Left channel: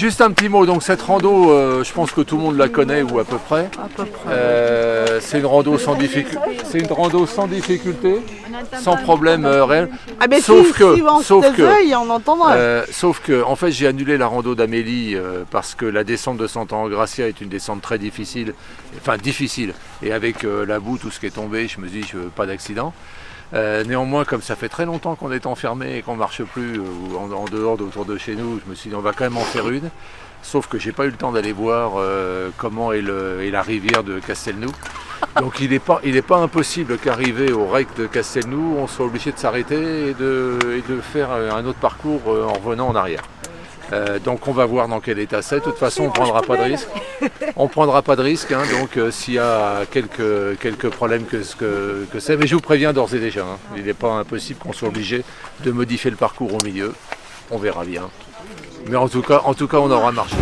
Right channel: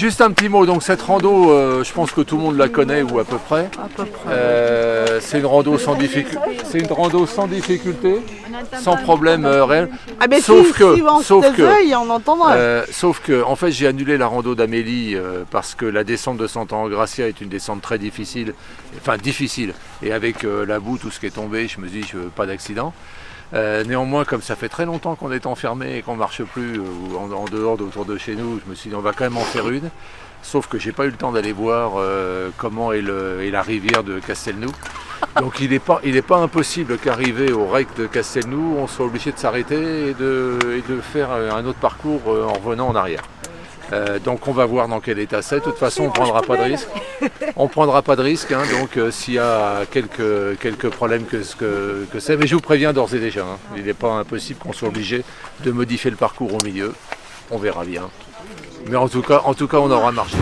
Juste un petit mot, donc cette rando, je pense que tout le monde la connaît ou à peu près. C'est une rando sans difficulté. C'est une rando sans difficulté, sans problème réel. Ah ben sauf que, on entendra. Sauf que, en fait, j'ai annulé la rando d'Amélie parce que la descente de Santa Engracia est une descente très difficile, et avec la boue, tout ce qui est tombé, je me dis, je veux pas d'accident. Néanmoins, comme ça fait très longtemps qu'on est enfermé et qu'on ne marche plus en dehors autour de chez nous, je me suis dit on va quand même en faire une. Sauf que j'ai pas eu le temps d'aller voir comment est la rivière de Castelnou. Donc il n'est pas impossible qu'arrivé au rec de Castelnou, on soit obligé de s'arrêter et de faire un autre parcours en revenant en arrière. Donc on va voir dans quel état c'est. De toute façon, on ne prendra pas de risque. On prendra pas de risque. Hein, donc s'il y a quelques problèmes que c'est, mais je vous préviens d'ores et déjà. Hein, il n'est pas impossible qu'on soit obligé de modifier le parcours au milieu. On verra bien. Mais en tout cas, on aura marché.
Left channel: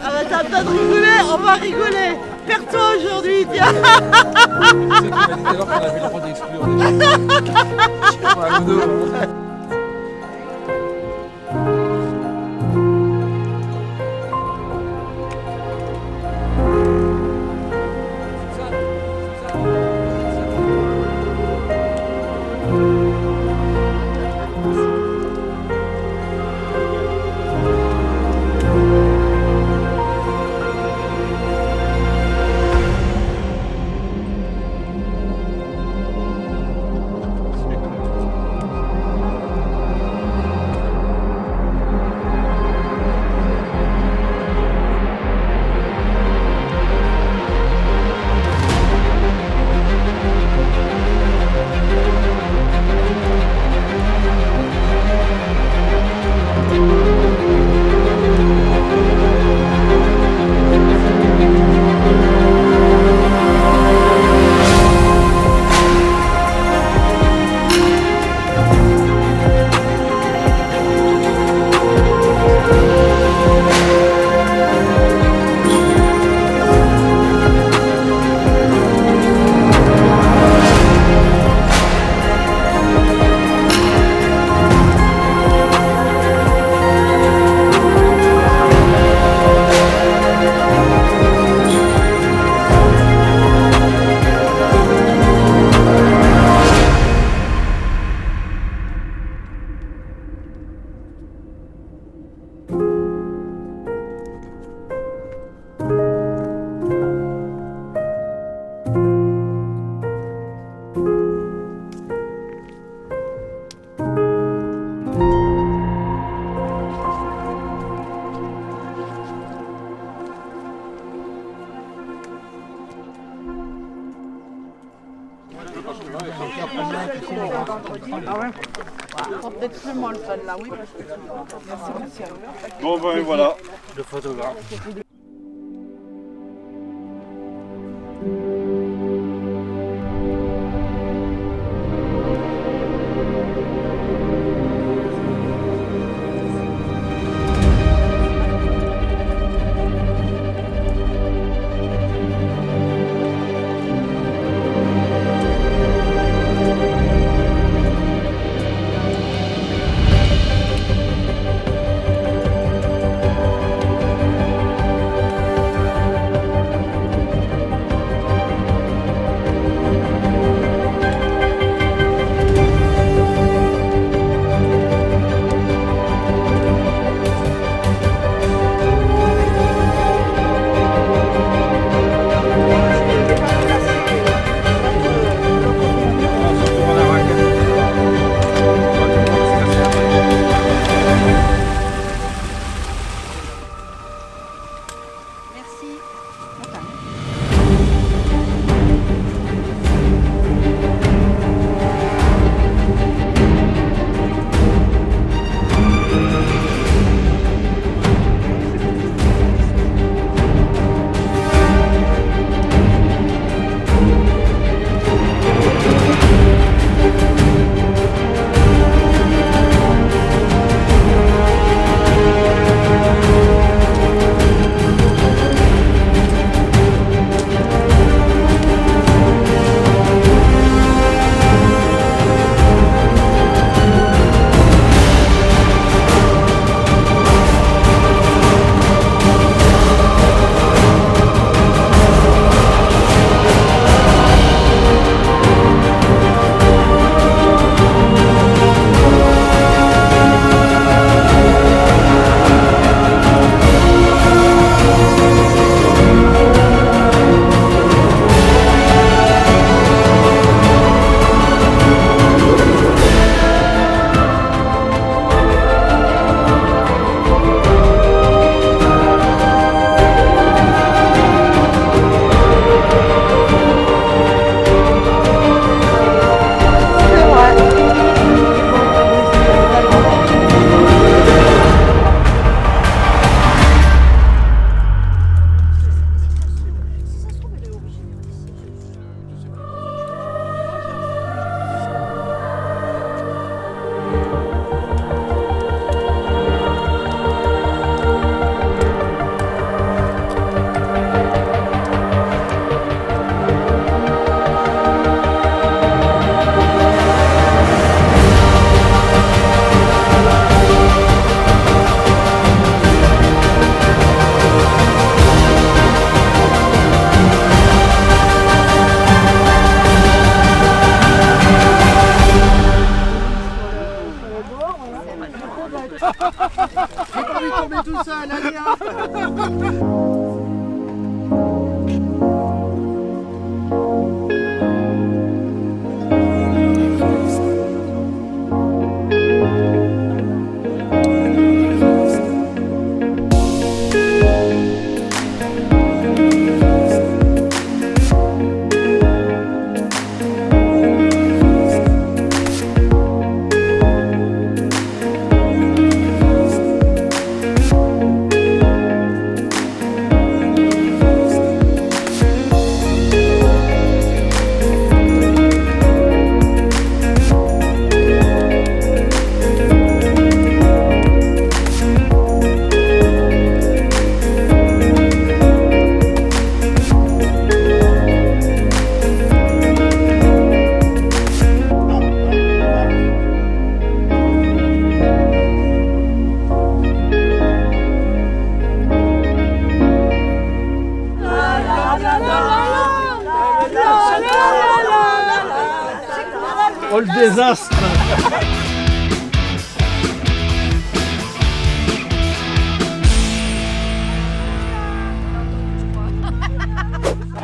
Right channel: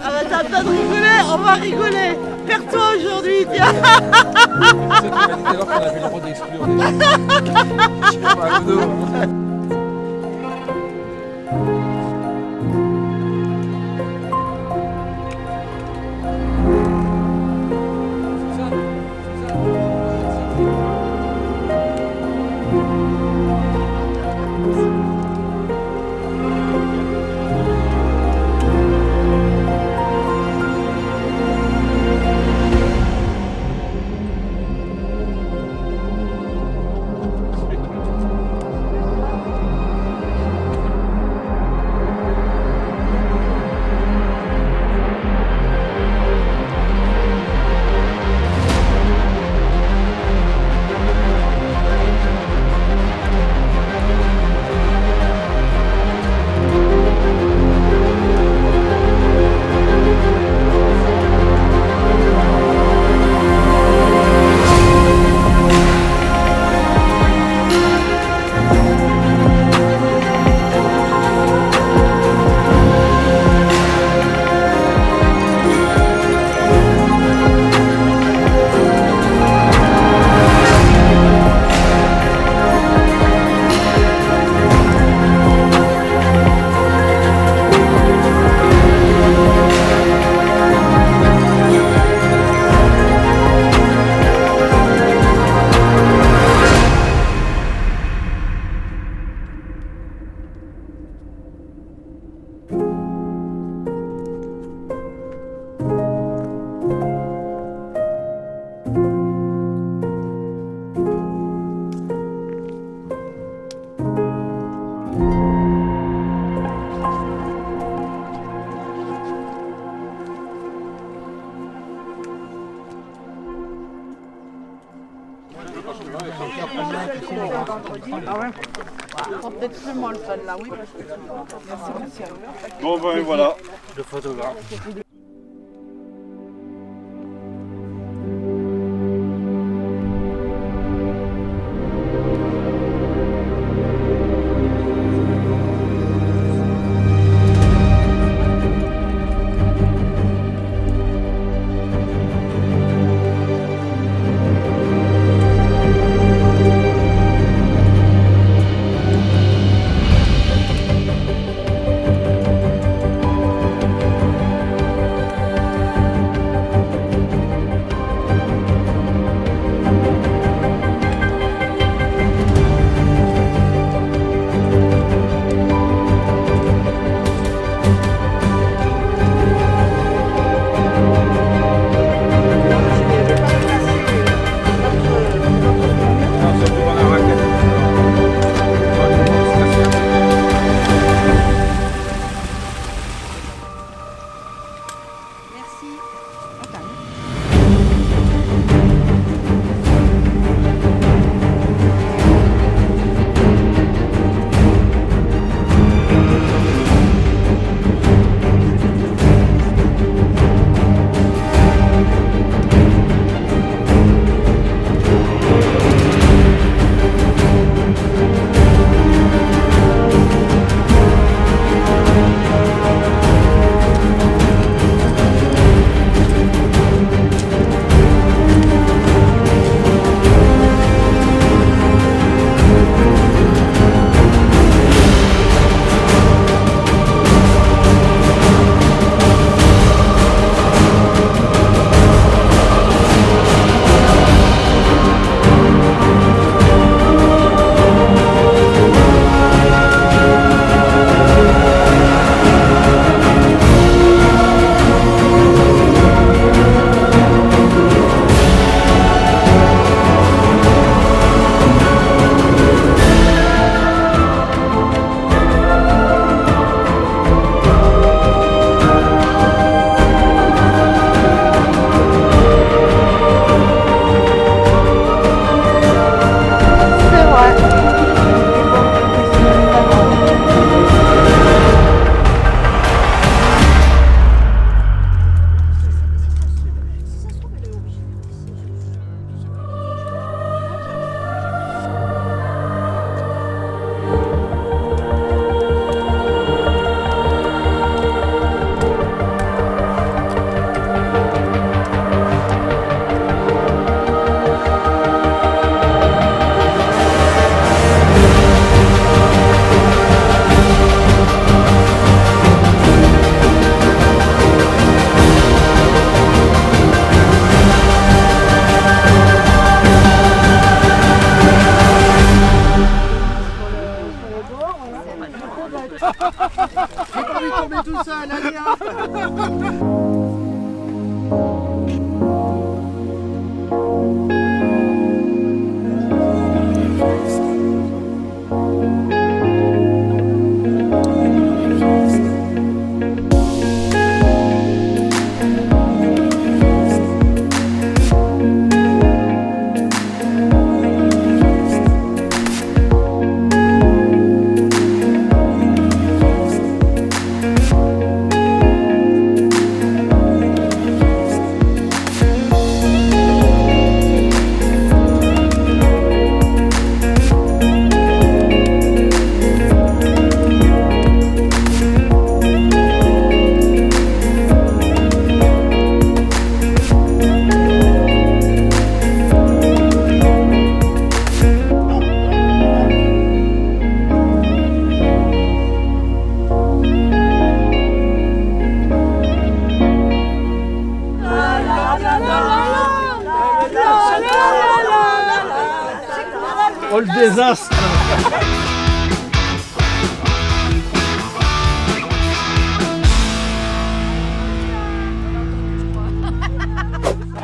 Ah bah t'as le temps de rigoler, on va rigoler. Perds-toi aujourd'hui, tiens. C'est qu'on m'a dit tout à l'heure qu'on avait le droit d'exclure des Peut-être plus moi le fun là, oui. Bon ben voilà. Le photographe. la raquette. C'est pas le moment de se casser la tête. Merci. Attends. J'ai pas envie de tomber tout seul, allez hop. Oh le désastre!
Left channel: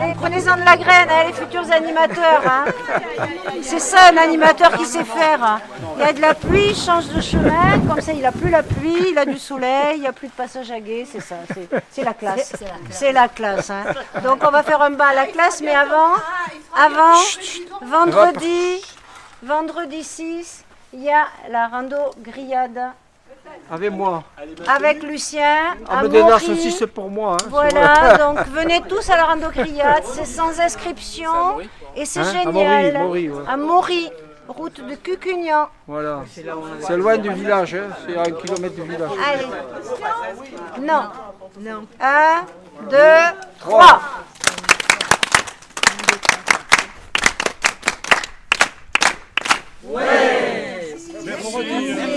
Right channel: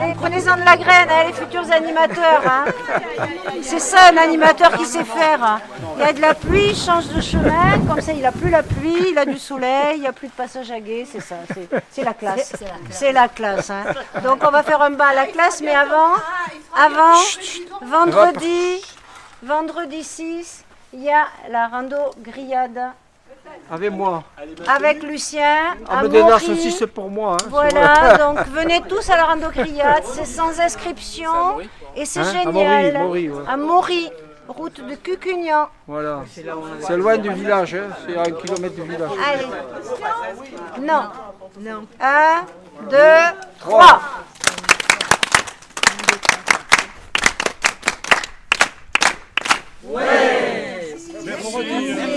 Allez, prenez-en de la graine, hein, les futurs animateurs. Hein. C'est ça un animateur qui sait faire. Hein. Il y a de la pluie, il change de chemin, comme ça il n'a plus la pluie, il a du soleil, il n'y a plus de passage à gué, c'est ça, c'est la classe. C'est la classe. Hein. Donc on va faire un bain à la classe, mais avant vendredi 6, il y a la rando grillade. Avec moi. Avec Lucien, à Mais des Maury. nasses aussi, c'est pour moi. Hein, Voilà, donc venez tous à la rando grillade, c'est sans inscription et c'est génial. À Maury, route de Cucugnan. Voilà. C'est loin du village, hein. C'est à 1 kilomètre du village. Allez. Non. 1, 2, 3. Merci.